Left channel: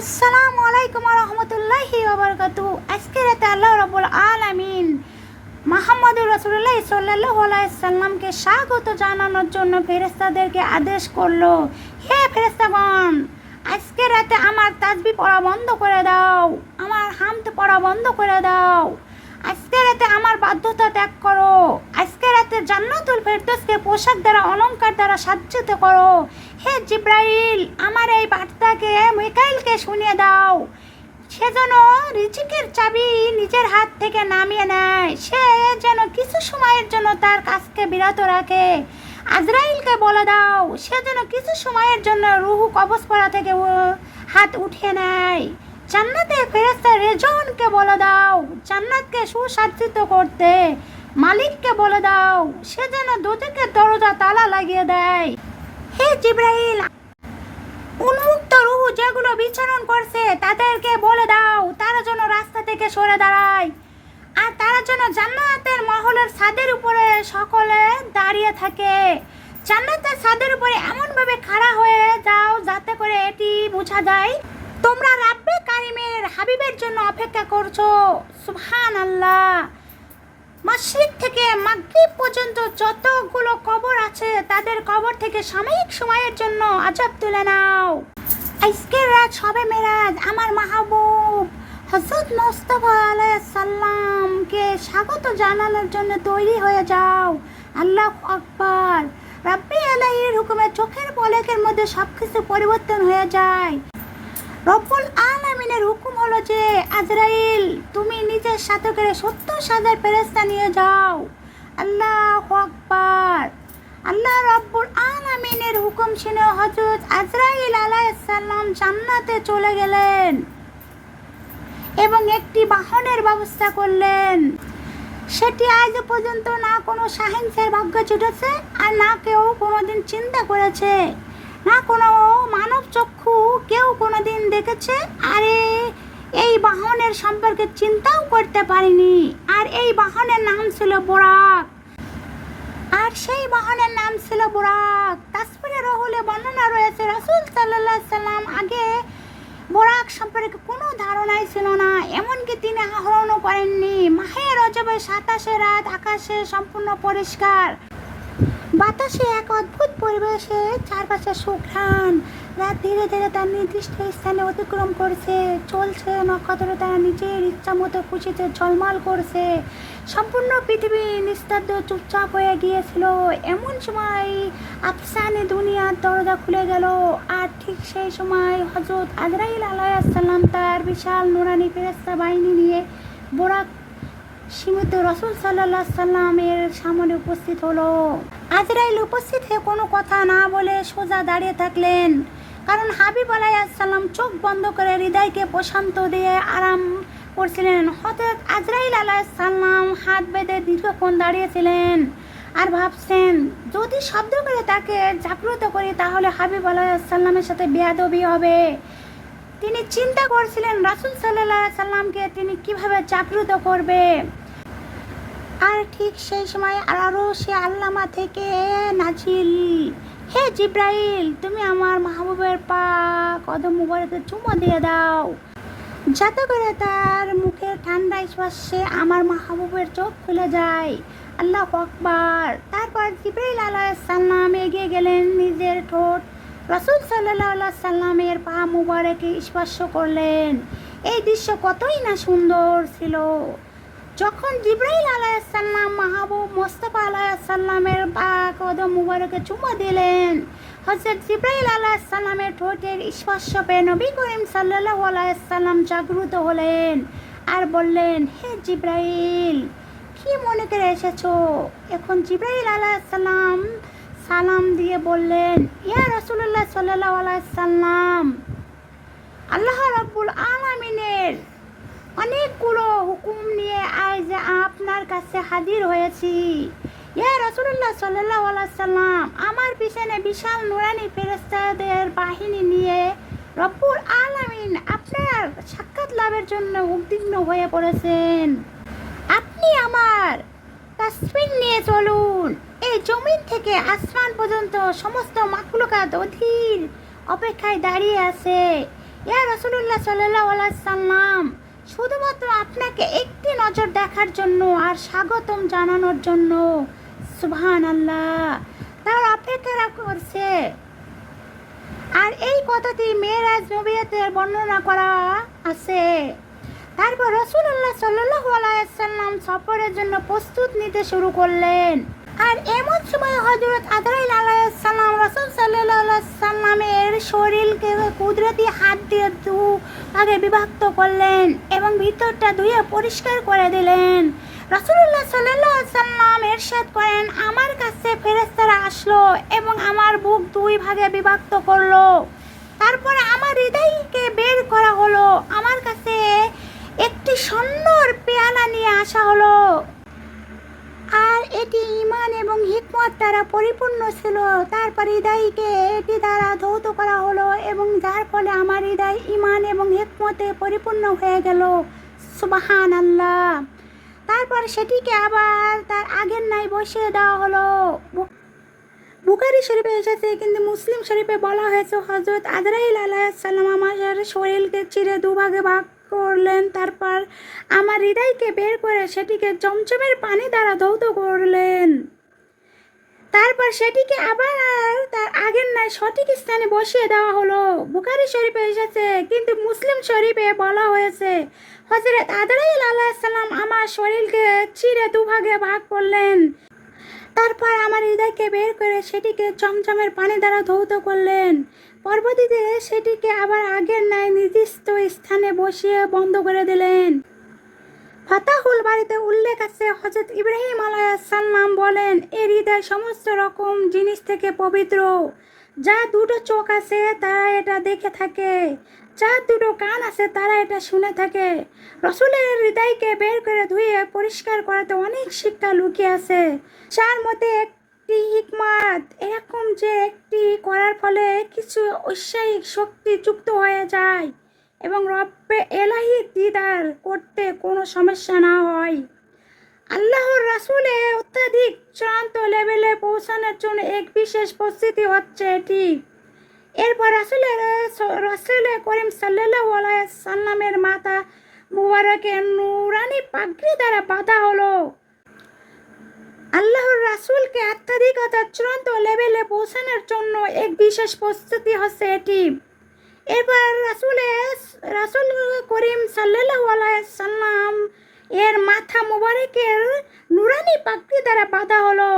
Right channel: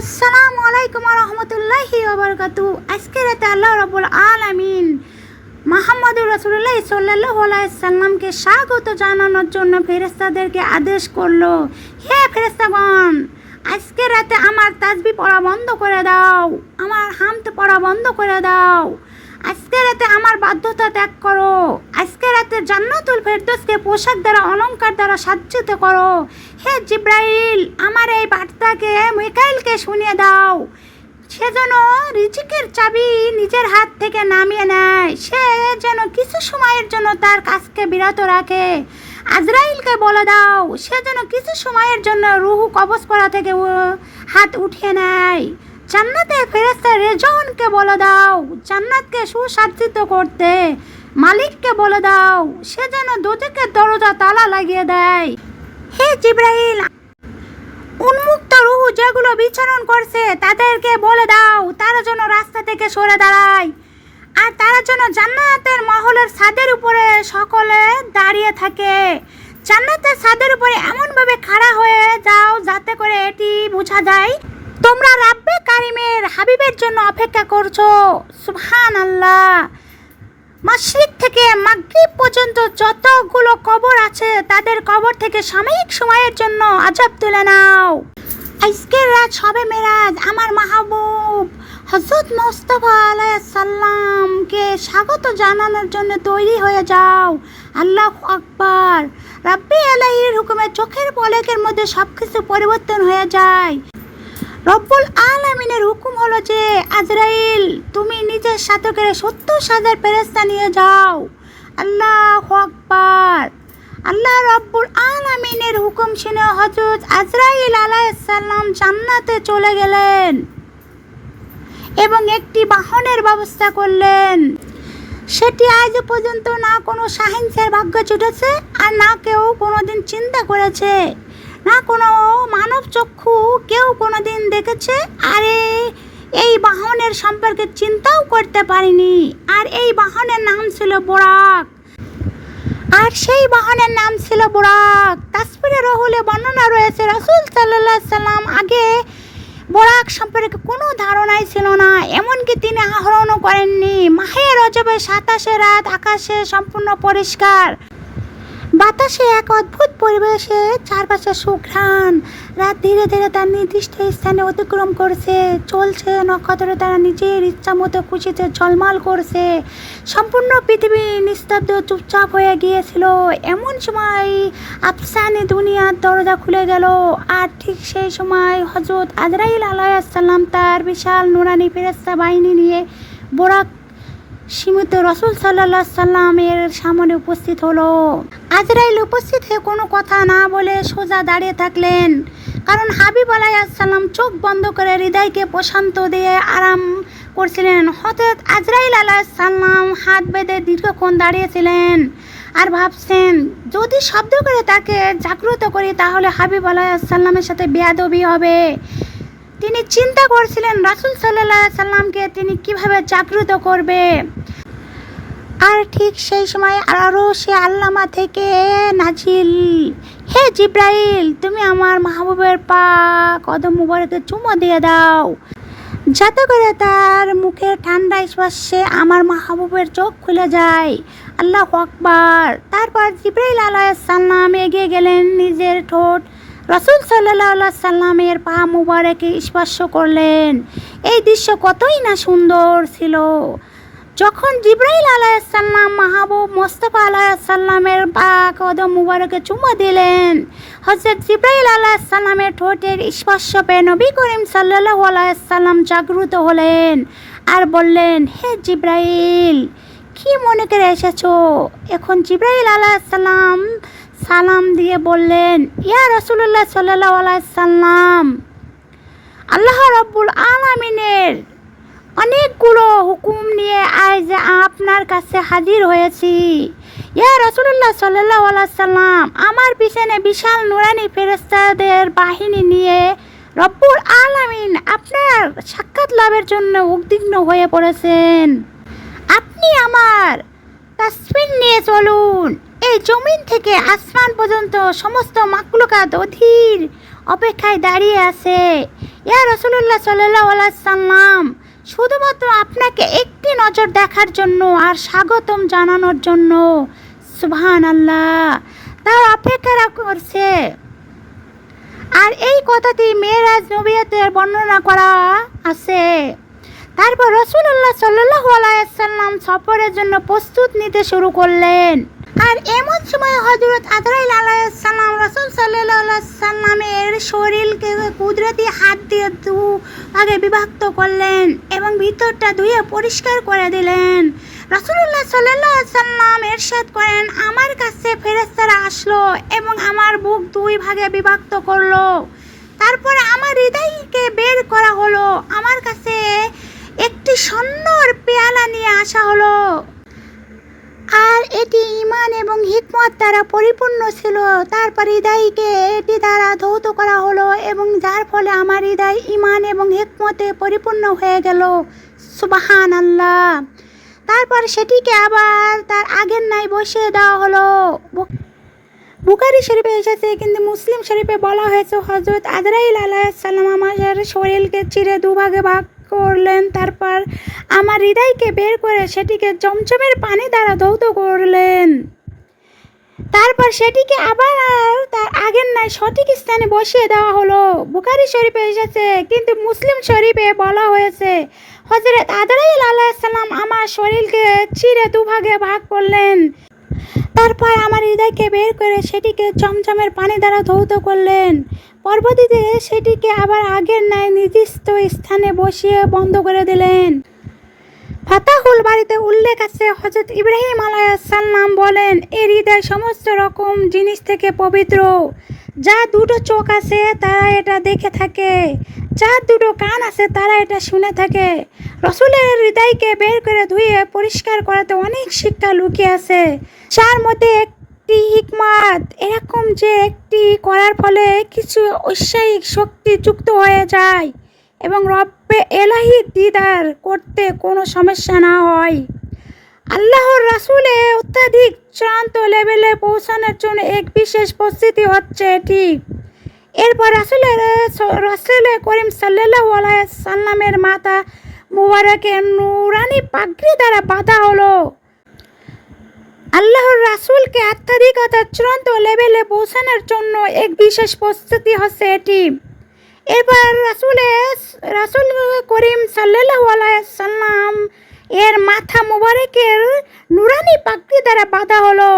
আসসালামু আলাইকুম রহমতুল্লাহি ওবরকাতু আজকে রাতে আল্লাহ রবুল আলামিন মাহমুদুর রসুল্লাহ সাল্লাহ সাল্লামকে স্বাগত জানানোর জন্য ফেরেস্তাদেরকে আদেশ করল, হে ফেরেস্তাগণ আজকে রাতে আমার তাজবি পড়া বন্ধ করে দাও, আমার হামতে পড়া বন্ধ করে দাও। আজকে রাতে আমার বাধ্যতা ত্যাগ করো। আজকে রাতে জান্নাতুল ফেরদৌসকে পোশাক দ্বারা, অলংকার দ্বারা সাজ্জিত করো। হে জিব্রাইল, আমার এই বার্তাকে, মিকাইলকে শুনিয়ে দাও। সে যেন রিজিকের চাবি নিজের হাত থেকে নামিয়ে নেয়। সে যেন কিছু সময়ের জন্য তার কাজকে বিরত রাখে। আজরাইলকে বলে দাও, সে যেন কিছু সময়ের জন্য রুহু কবজ করা থেকে হাত উঠিয়ে নেয়। জান্নাতের ফেরেস্তা রেজনকে বলে দাও, জান্নাতকে সুসাজ্জিত করতে, মালিককে বলে দাও, সে যেন দুদিকে দরজা তালা লাগিয়ে দেয়। হে জিব্রাইল, উন্মুক্ত রুহু যেগুলো বিচরণ করছে, তাদেরকে বলে দাও, তারা যেন রাস্তা থেকে সরে দাঁড়ায়। আর তারা যেন জান্নাতের মহলের ছাদের উপরে সকলে দাঁড়িয়ে থাকে। জান্নাতের ছাদের উপরে এমনভাবে খাড়া হয়ে যাও, যাতে করে এটি বোঝা যায় তোমরা রাব্বে কারিমের হাবিবের জন্য অপেক্ষা করছ। সুহান আল্লাহ মাশরিক থেকে মাগরিব পর্যন্ত যতগুলো কবর আছে, তাদের কবর থেকে সাময়িক সময়ের জন্য আজাব তুলে নাও। আজকের রাত সবে মেরাজ, আমার মাহবুব। হজরত মোস্তফা সাল্লামকে স্বাগত জানানোর জন্য তৈরি হয়ে যাও। আল্লাহ আকবার। রাব্বি আলাইহির হুকুমে চোখের পলকের মধ্যে সব কিছু পরিবর্তন হয়ে যায়। রব্বুল আলামিনের হুকুম হলো যে, আজরাইল, তুমি নিজের সাথে করে সত্তর হাজার ফেরেস্তা নিয়ে যাও। আল্লাহ আকবার। আল্লাহ রব্বুল আলামিনের হুকুম শুনে হজরত আজরাইল আলাইসাল্লাম জান্নাতে চলে গেলেন এবং একটি বাহনের ব্যবস্থা করলেন। সেটি আজ পর্যন্ত না কোনো সাহিংসের ভাগ্য ছুটেছে আর না কেউ কোনোদিন চিন্তা করেছে। না কোনো মানব চক্ষু কেউ কোনো দিন দেখেছে? আরে, এই বাহনের সম্পর্কে চিন্তাও করতে পারিনি। আর এই বাহনের নাম ছিল বোরাক। আর সেই বাহনের নাম ছিল বোরাক। তাসপিরে রহুলে বর্ণনা রয়েছে, রাসূল আলাইহি সাল্লাম আগে বোরাক সম্পর্কে কোনো ধারণাই ছিল না। এমনকি তিনি আহরণও করেননি। মাহে রজবে সাতাশে রাত আকাশে সম্পূর্ণ পরিষ্কার। বাতাসে এক অদ্ভুত পরিবেশে চারপাশে সুঘ্রাণ। রাত ধীরে ধীরে তার নির্দিষ্ট স্থানে অতিক্রম করছে। চলছে নক্ষত্র তারা নিজের ইচ্ছা মতো খুশিতে ঝলমল করছে। সম্পূর্ণ পৃথিবী নিস্তব্ধ চুপচাপ হয়ে গিয়েছিল। এমন সময় আফসানি দুনিয়ার দরজা খুলে গেল আর ঠিক সেই সময় হজরত আজরাইল আলাইসাল্লাম তার বিশাল নুরানি ফেরেস্তা বাহিনী নিয়ে বোরাক সীমিত রসুল সাল্লাহ সাল্লামের সামনে উপস্থিত হলো। আজরাইল উপস্থিত হয়ে কোনো কথা না বলে সোজা দাঁড়িয়ে থাকলেন। কারণ হাবিব আলাইসাল্লাম চোখ বন্ধ করে হৃদয়কে প্রশান্ত দিয়ে আরাম করছিলেন। হঠাৎ আজরাইল আলাইসাল্লাম হাত বেঁধে দীর্ঘক্ষণ দাঁড়িয়েছিলেন আর ভাবছেন, যদি শব্দ করে তাকে জাগ্রত করি তাহলে হাবিব আলাইসাল্লামের সাথে বেয়াদবি হবে। তিনি চিন্তা করছিলেন, রাসুল সাল্লাহ সাল্লামকে তিনি কীভাবে জাগ্রত করবে? আর ঠিক সেই সময় আরও সে আল্লামা থেকে, নাজিল, হে জিব্রাইল, তুমি আমার মাহবুবের পা কদম মুবারকে চুমো দিয়ে দাও। যাতে করে তার মুখের ঠান্ডা স্পর্শে আমার মাহবুবের চোখ খুলে যায়। আল্লাহ আকবার। তারপর জিব্রাইল আলাইসাল্লাম এগিয়ে গেলেন নিজের ঠোঁট রসুল সাল্লাহ সাল্লামের পা মুবারকে স্পর্শ করলেন। এই দৃশ্য কতই না সুন্দর ছিল। যখন জিব্রাইল আলাইসাল্লাম মাহবুব মোস্তফা আলাইসাল্লামের পা কদম মুবারকে চুমো দিলেন হজরত জিব্রাইল আলাইসাল্লামের ঠোঁটের স্পর্শ পেয়ে নবী করিম সাল্লাহ আলাইসাল্লাম জাগ্রত হলেন আর বললেন, হে জিব্রাইল, কি মনে করে এসেছ? এখন জিব্রাইল আলাইসাল্লাম সালাম দিয়ে বললেন, ইয়া রসুল্লাহ সাল্লাহ আলাইসাল্লাম আল্লাহ রব্বুল আলামিনের অনেকগুলো হুকুম নিয়ে আজ আপনার কাছে হাজির হয়েছি। ইয়া রসুল্লাহ সাল্লাহ সাল্লাম, আমার পিছনে বিশাল নুরানি ফেরেস্তাদের বাহিনী নিয়ে রব্বুল আলামিন আপনার সাক্ষাৎ লাভের জন্য উদ্বিগ্ন হয়ে পড়েছেন। আপনি আমার তাসমিন নিয়ে চলুন। এই জমিন থেকে আসমান পর্যন্ত সমস্ত মাকলুকাত অধীর অপেক্ষায় দাঁড়িয়ে আছে। ইয়া রসুল্লাহ সাল্লাহ সাল্লাম, শুধুমাত্র আপনাকে একটি নজর দেখার জন্য আর স্বাগতম জানানোর জন্য। সুবহান আল্লাহ তার অপেক্ষা করছে। আর এই কথাটি মেয়েরাজ নবিয়াতের বর্ণনা করা আছে। তারপর রসুল্লাহ সাল্লাহ আলাইসাল্লাম সফরের জন্য প্রস্তুত নিতে শুরু করলেন। আর এমন সময় হজরত আদরাইল আলাইসাল্লাম রসুল সাল্লামের শরীরকে কুদরতি হাত দিয়ে দু আগে বিভক্ত করলেন এবং ভিতরটা ধুয়ে পরিষ্কার করে দিলেন। রসুল্লাহ সাল্লাহ সাল্লাম এরশাদ করেন, আমার কাছে ফেরেস্তারা আসলো এবং আমার বুক দুই ভাগে বিভক্ত করল। তারপরে আমার হৃদয়কে বের করা হলো। আমার কাছে একটি সুন্দর পেয়ালা নিয়ে আসা হলো। আর এটি ইমান এবং হিকমত দ্বারা পরিপূর্ণ ছিল। তারপর হৃদয়কে এটি দ্বারা ধৌত করা হলো এবং যার ফলে আমার হৃদয় ইমান এবং হিকমতে পরিপূর্ণ হয়ে গেল। সুবাহান আল্লাহ তারপর সেটিকে আবার তার আগের নাই বসিয়ে দেওয়া হলো। বু- বুখারি শরীফে এসেছে, কিন্তু মুসলিম শরীফে বলা হয়েছে হজরত আদরাইল আলাইসাল্লাম আমার শরীরকে চিরে দুভাগে ভাগ করলেন, তারপর আমার হৃদয়কে বের করে সেটিকে চমচমের পানি দ্বারা ধৌত করলেন। তারপর সেটিকে আবার তার আগের নাই সঠিক স্থানে বসিয়ে দেওয়া হলো। বুখারি শরীফে এসেছে, কিন্তু মুসলিম শরীফে বলা হয়েছে হজরত আদরাইল আলাইসাল্লাম আমার শরীরকে চিরে দুভাগে ভাগ করলেন। তারপর আমার হৃদয়কে বের করে সেটিকে চমচমের পানি দ্বারা ধৌত করলেন। পরবর্তীতে সেটিকে আবার আগের ন্যায় নির্দিষ্ট স্থানে বসিয়ে বন্ধ করে দিলেন। ফাতাহুল বাড়িতে উল্লেখ আছে হজরত ইব্রাহিম আলাইসাল্লাম বলেন এর হৃদয় সমস্ত রকম জিনিস থেকে পবিত্র। যা দুটো চোখ আছে তারা এটা দেখে থাকে যার দুটো কান আছে তারা এটা শুনে থাকে। রসুলের হৃদয়কে বের করে ধুয়ে পরিষ্কার করাতে অনেক শিক্ষা লুকিয়ে আছে। যার মধ্যে একটি হিকমাত, এরকম যে একটি করার ফলে কিছু ঐশ্বরিক শক্তি যুক্ত হয়ে যায় এবং রব্বে এলাহি দিদার করতে কোনো সমস্যা না হয়। আল্লাহর রাসুলে অত্যাধিক চূড়ান্ত লেভেলে পৌঁছানোর জন্য এক বিশেষ প্রস্তুতি হচ্ছে এটি। এরপর রাসুলের, রাসুল করিম সাল্লাহ সাল্লামের মাথা মুবারকের নুরানি পাগড়ি দ্বারা বাঁধা হলো। আল্লাহর রাসুলকে আত্মাধিকতার চূড়ান্ত লেভেলে পৌঁছানোর জন্য এক বিশেষ প্রস্তুতি হচ্ছে এটি। এবার রাসুলে রাসুল করিম সাল্লাহ সাল্লাম এর মাথা মুবারকের নুরানি পাগড়ি দ্বারা বাঁধা হলো।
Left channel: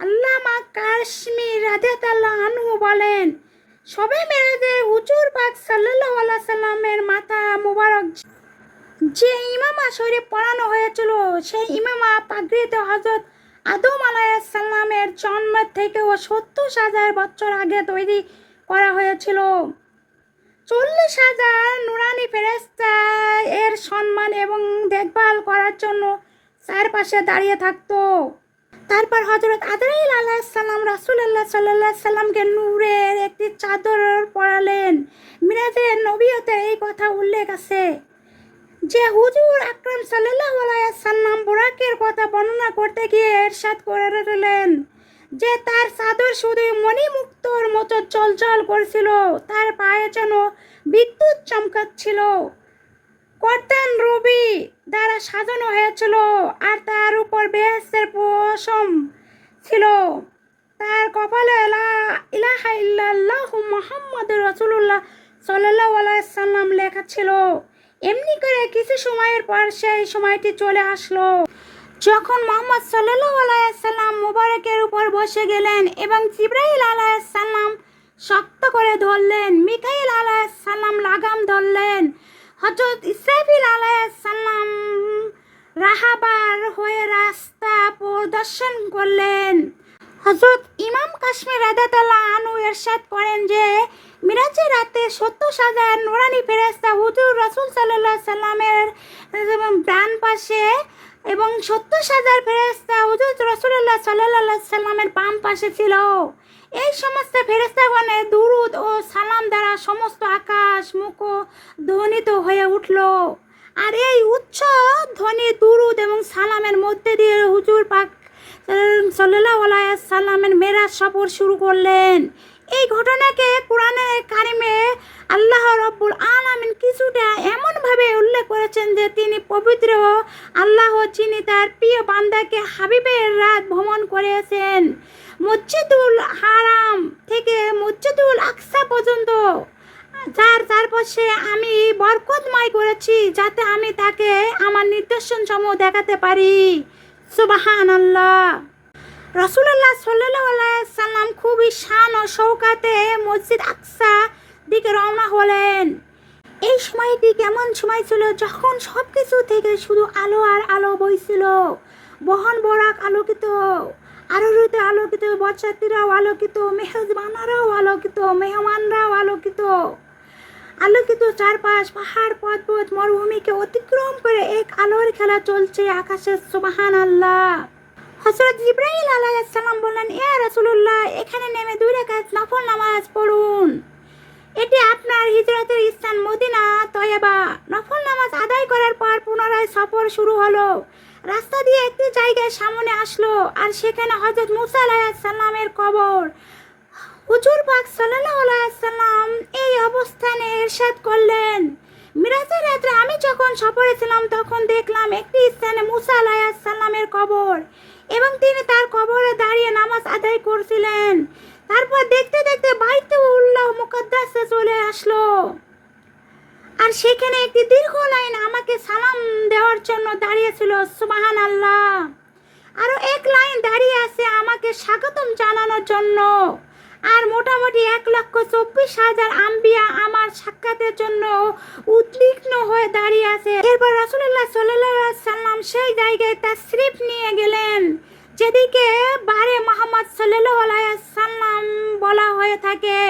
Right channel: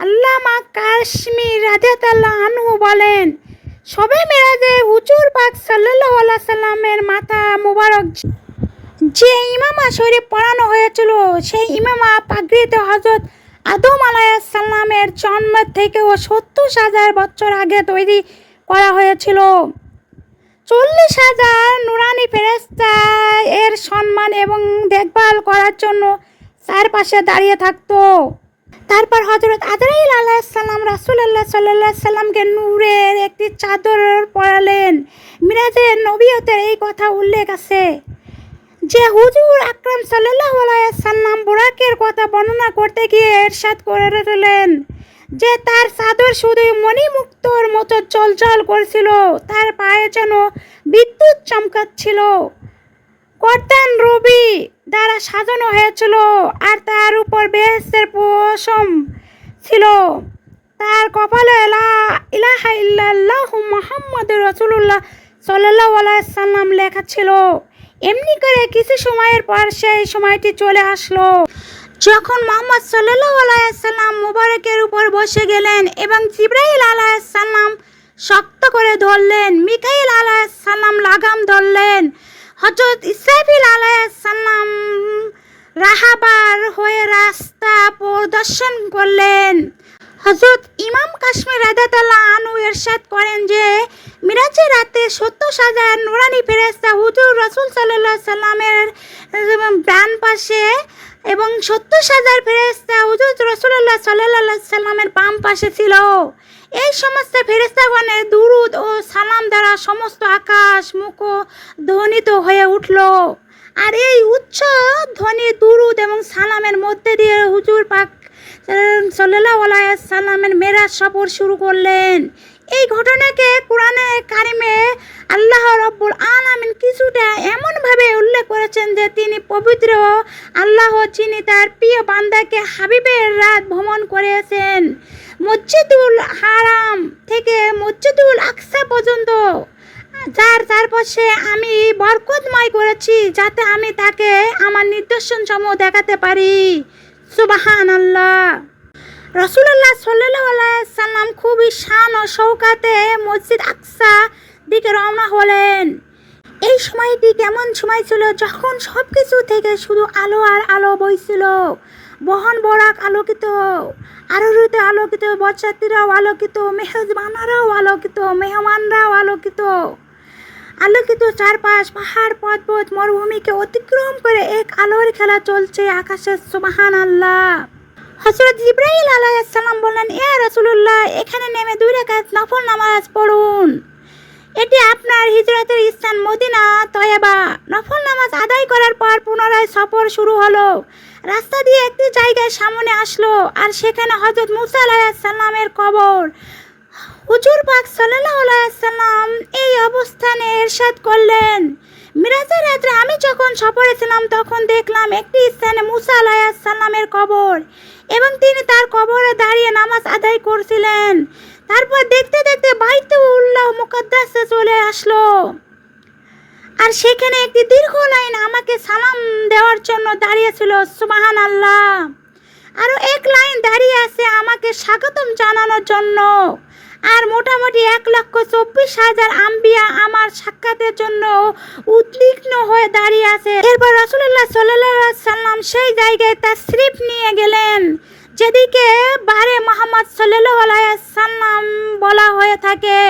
আল্লামা কাশ্মীর রাজাতাল্লাহ আনহু বলেন, সবে মেরাজে হুজুর পাক সাল্লাহ সাল্লামের মাথা মুবারক যে ইমামা শরীফ পড়ানো হয়েছিল, সেই ইমামা পাগড়িতে হজরত আদম আলাইসাল্লামের জন্মের থেকেও সত্তর হাজার বছর আগে তৈরি করা হয়েছিল। চল্লিশ হাজার নুরানি ফেরেস্তা এর সম্মান এবং দেখভাল করার জন্য চারপাশে দাঁড়িয়ে থাকতো। তারপর হজরত আদরাইল আলাহিসাল্লাম রাসুলাল্লাহ সাল্লাহ সাল্লামকে নূরের একটি চাদর পরালেন। মিরাজের নবীয়তের এই কথা উল্লেখ আছে। যে হুজুর আকরাম সাল্লাহ সাল্লাম বোরাকের কথা বর্ণনা করতে গিয়ে এরশাদ করে দিলেন যে তার চাদর শুধুই মণিমুক্তর মতো চলচল করছিল, তার পায়ে যেন বিদ্যুৎ চমকাচ্ছিল। কর্তান রবি দ্বারা সাজানো হয়েছিল আর তার উপর বেহেস্তের পশম ছিল। তার কপালে ইলাহা ইল্লাল্লাহু মুহাম্মাদুর রাসূলুল্লাহ সাল্লাল্লাহু আলাইহি সাল্লাম লেখা ছিল এমনি করে কিছু সময়ের পর সেই সময়টি চলে আসলো। যখন মোহাম্মদ সাল্লাল্লাহু আলাইহি সাল্লাম মুবারকের উপর বসে গেলেন এবং জিব্রাইল আলাইহিস সালাম শক্ত করে ধরলেন, মিকাইল আলাইহিস সালাম লাগাম ধরলেন হজরত ইসরাফিল আলাইহিস সালাম রাহাবার হয়ে রাস্তা প্রদর্শন করলেন। হজরত ইমাম কাশ্মীর রাদাতাল্লাহ আনু এরশাদ করেন যে মিরাজের রাতে সত্তর হাজার নুরানি ফেরেস্তা হুজুর রসুল সাল্লাহ সাল্লামের ডান পাশে এবং সত্তর হাজার ফেরেস্তা হুজুর রসুল্লাহ সাল্লাহ সাল্লামের বাম পাশে ছিল। এই সমস্ত ফেরেস্তাগণের দুরুদ ও সালাম দ্বারা সমস্ত আকাশ মুখ ধ্বনিত হয়ে উঠল। আর এই উচ্চ ধ্বনি, দুরুদ এবং সালামের মধ্যে দিয়ে হুজুর পাক সাল্লামের মেরাজ সফর শুরু করলেন। এই ঘটনাকে কোরআনে কারিমে আল্লাহ রব্বুল আলামিন কিছুটা এমনভাবে উল্লেখ করেছেন যে তিনি পবিত্র আল্লাহ যিনি তার প্রিয় বান্দাকে হাবিবের রাত ভ্রমণ করেছেন। মসজিদুল হারাম থেকে মসজিদুল আকসা পর্যন্ত, যার চারপাশে আমি বরকতময় করেছি যাতে আমি তাকে আমার নিদর্শন সমূহ দেখাতে পারি। সুবাহান আল্লাহ রসুল্লাহ সাল্লাহ সাল্লাম খুবই শান ও শৌকাতে মসজিদ আকসা দিকে রওনা হলেন। এই সময়টি কেমন সময় ছিল যখন সব কিছু থেকে শুধু আলো আর আলো বইছিল। বহন বরাক আলোকিত আরোরুতে আলোকিত, বরযাত্রীরাও আলোকিত, মেহজবানারাও আলোকিত, মেহমানরাও আলোকিত। আলোকিত চারপাশ, পাহাড়, পর্বত, মরুভূমিকে অতিক্রম করে এক আলোর খেলা চলছে আকাশের সুবাহান আল্লাহ হজরত জিব্রাইল আলাইসাল্লাম বললেন, ইয়া রাসূলুল্লাহ, এখানে নেমে দুই রাকাত নফল নামাজ পড়ুন। এটি আপনার হিজরতের স্থান মদিনা, তয়াবা। নফল নামাজ আদায় করার পর পুনরায় সফর শুরু হলো। রাস্তা দিয়ে একটি জায়গায় সামনে আসলো, আর সেখানে হজরত মুসা আলাইসাল্লামের কবর। হুজুর পাক সাল্লাল্লাহু আলাইহি সাল্লাম এই অবস্থানে এরশাদ করলেন। মিরাজের রাত্রে আমি যখন সফরে ছিলাম, তখন দেখলাম একটি স্থানে মুসা আলাইহিস সালামের কবর এবং তিনি তার কবরে দাঁড়িয়ে নামাজ আদায় করছিলেন। তারপর দেখতে দেখতে বাইতে উল্লাহ মুকদ্দাসে চলে আসলো। আর সেখানে একটি দীর্ঘ লাইন আমাকে সালাম দেওয়ার জন্য দাঁড়িয়েছিল সুবাহান আল্লাহ আরও এক লাইন দাঁড়িয়ে আছে আমাকে স্বাগতম জানানোর জন্য। আর মোটামুটি এক লক্ষ চব্বিশ হাজার আম্বিয়া আমার সাক্ষাতের জন্য উদ্বিগ্ন হয়ে দাঁড়িয়ে আছে। এরপর রসুল্লাহ সাল্লাহ সাল্লাম সেই জায়গায় তার স্লিপ নিয়ে গেলেন। যেদিকে বারে মোহাম্মদ সাল্লাহ সাল্লাম বলা হয়ে থাকে।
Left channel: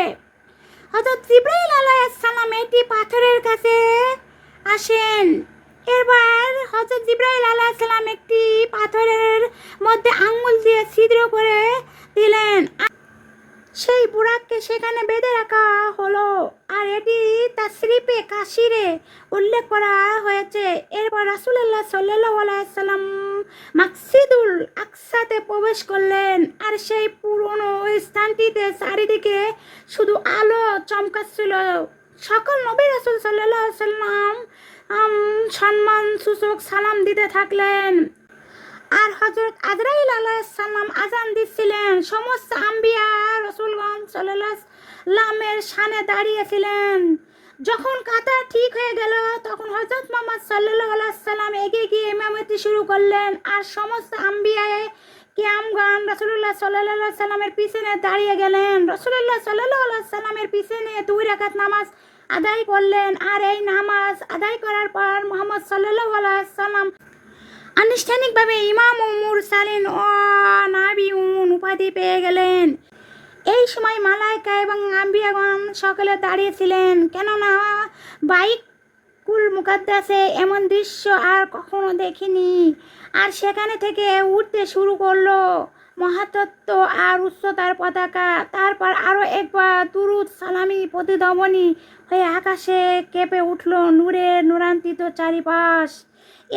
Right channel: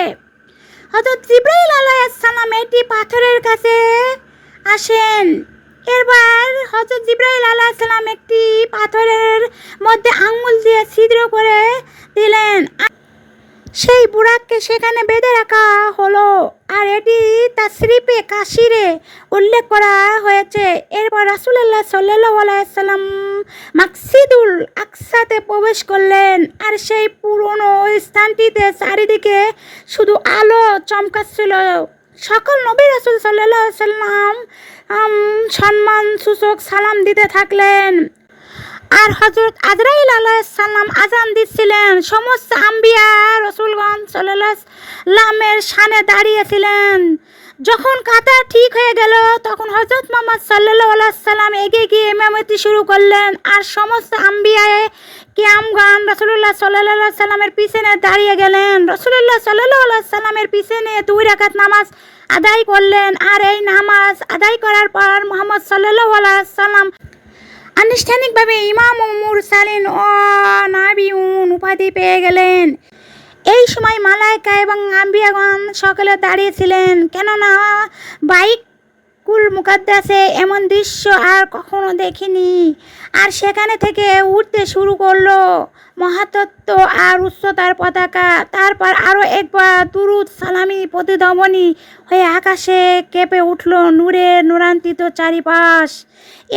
হজরত জিব্রাইল আলাইসাল্লাম এটি পাথরের কাছে আসেন। এরবার হজরত জিব্রাইল আলাইসাল্লাম একটি পাথরের মধ্যে আঙুল দিয়ে ছিদ্র করে দিলেন। সেই বুড়াককে সেখানে বেঁধে রাখা হলো। আর এটি তার স্লিপে কাশিরে উল্লেখ করা হয়েছে। এরপর রাসুলাল্লাহ সাল্লাহ সাল্লাম মাকসিদুল আকসাতে প্রবেশ করলেন। আর সেই পুরনো স্থানটিতে চারিদিকে শুধু আলো চমকাচ্ছিল। সকল নবী রাসুল সাল্লাম সম্মান সূচক সালাম দিতে থাকলেন। আর হজরত আজরাইল আলাইসাল্লাম আজান দিচ্ছিলেন। সমস্ত আম্বিয়া রসুলগঞ্জ সাল্লামের সানে দাঁড়িয়েছিলেন। যখন কাতার ঠিক হয়ে গেল, তখন হজরত মোহাম্মদ সাল্লাহ সাল্লাম এগিয়ে গিয়ে ইমামতি শুরু করলেন। আর সমস্ত আম্বিয়ায় কিয়ামগান রসুল্লাহ সাল্লাহ সাল্লামের পিছনে দাঁড়িয়ে গেলেন। রসুল্লাহ সাল্লাহ সাল্লামের পিছনে দুই রাকাত নামাজ আদায় করলেন। আর এই নামাজ আদায় করার পর মোহাম্মদ সাল্লাহ সাল্লাম আনুষ্ঠানিকভাবে ইমাম মুরসালিন ও নাবিউন উপাধি পেয়ে গেলেন। এই সময় মালায়কা এবং আম্বিয়াগণ সকলে দাঁড়িয়েছিলেন কেননা বাইক কুল মুকাদ্দাসে এমন দৃশ্য আর কখনো দেখিনি। আর সেখানে থেকে উঠতে শুরু করল মহাতত্ত্ব আর উচ্চতার পতাকা। তারপর আরও একবার তুরুদ সালামি প্রতিধমনী হয়ে আকাশে কেঁপে উঠল নূরে নূরান্তিত চারিপাশ।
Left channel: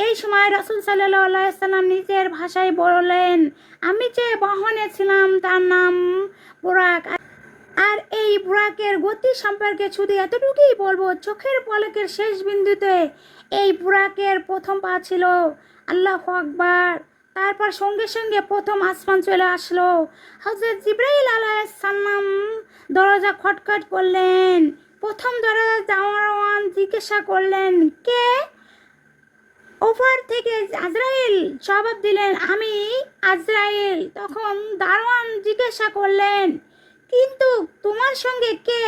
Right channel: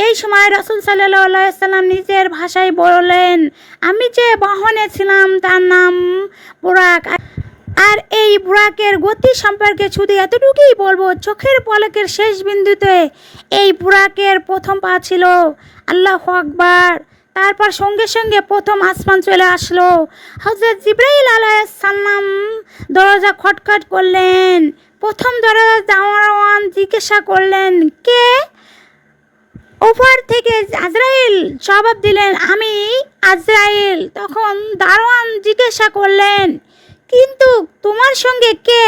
এই সময় রসুল সাল্লাম নিজের ভাষায় বললেন, আমি যে বহনে ছিলাম তার নাম বুরাক। আর এই বুরাকের গতি সম্পর্কে শুধু এতটুকুই বলব, চোখের পলকের শেষ বিন্দুতে এই বুরাকের প্রথম পা ছিল আল্লাহ আকবার। তারপর সঙ্গে সঙ্গে প্রথম আসমান চলে আসলো। হজরত জিব্রাইল আলাইসাল্লাম দরজা খটখট করলেন। প্রথম দরজা দাওয়ান জিজ্ঞাসা করলেন, কে? ওপর থেকে আজরাইল জবাব দিলেন, আমি আজরাইল। তখন দারোয়ান জিজ্ঞাসা করলেন কিন্তু তোমার সঙ্গে কে?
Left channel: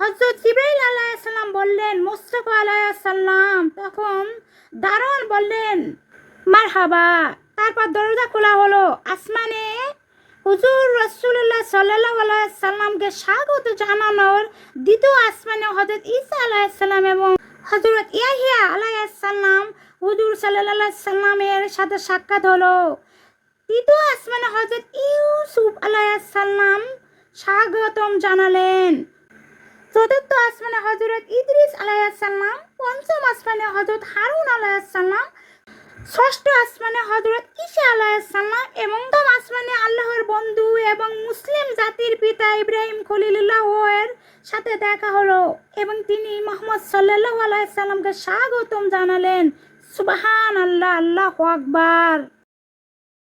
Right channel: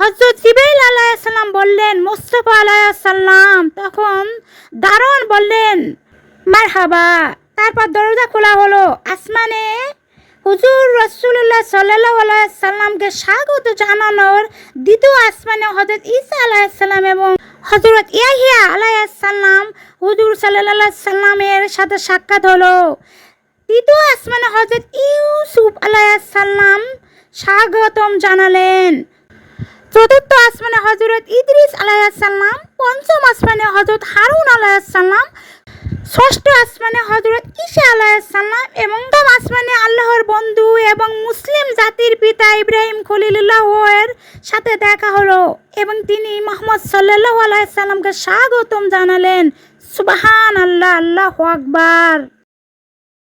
হজরত জিবাইল আলাইসাল্লাম বললেন, মুস্তফা আলাইসাল্লাম তখন দারোয়ান বললেন মার হাবা তারপর দরজা খোলা হলো। আসমানে হুজুর রসুল্লাহ সাল্লাহ সাল্লামকে স্বাগত জানানোর দ্বিতীয় আসমানে হজরত ঈসা আলাইসাল্লাম এবং হজরত ইয়াহিয়া আলাইসাল্লাম হুজুর সাল্লাহ সাল্লামের সাথে সাক্ষাৎ হলো। তৃতীয় আসমানে হজরত ইউসুফ আলাইসাল্লাম স্বাগতম জানালেন। চতুর্থ আসমানে হজরত ইদ্রিস আলাইসাল্লাম পঞ্চম আসমানে হজরত হারুন আলাইসাল্লাম ষষ্ঠ আসমানে হজরত ঈশা আলাইসাল্লাম এবং নবম আসমানে আল্লাহর বন্ধু এবং মুসলিম জাতির পিতা ইব্রাহিম খলিলুল্লাহ সাথে দেখা হলো এবং তিনি মোহাম্মদ সাল্লাহ আলাইসাল্লামকে স্বাগতম জানালেন। সুবাহান আল্লাহ আল্লাহ আকবার।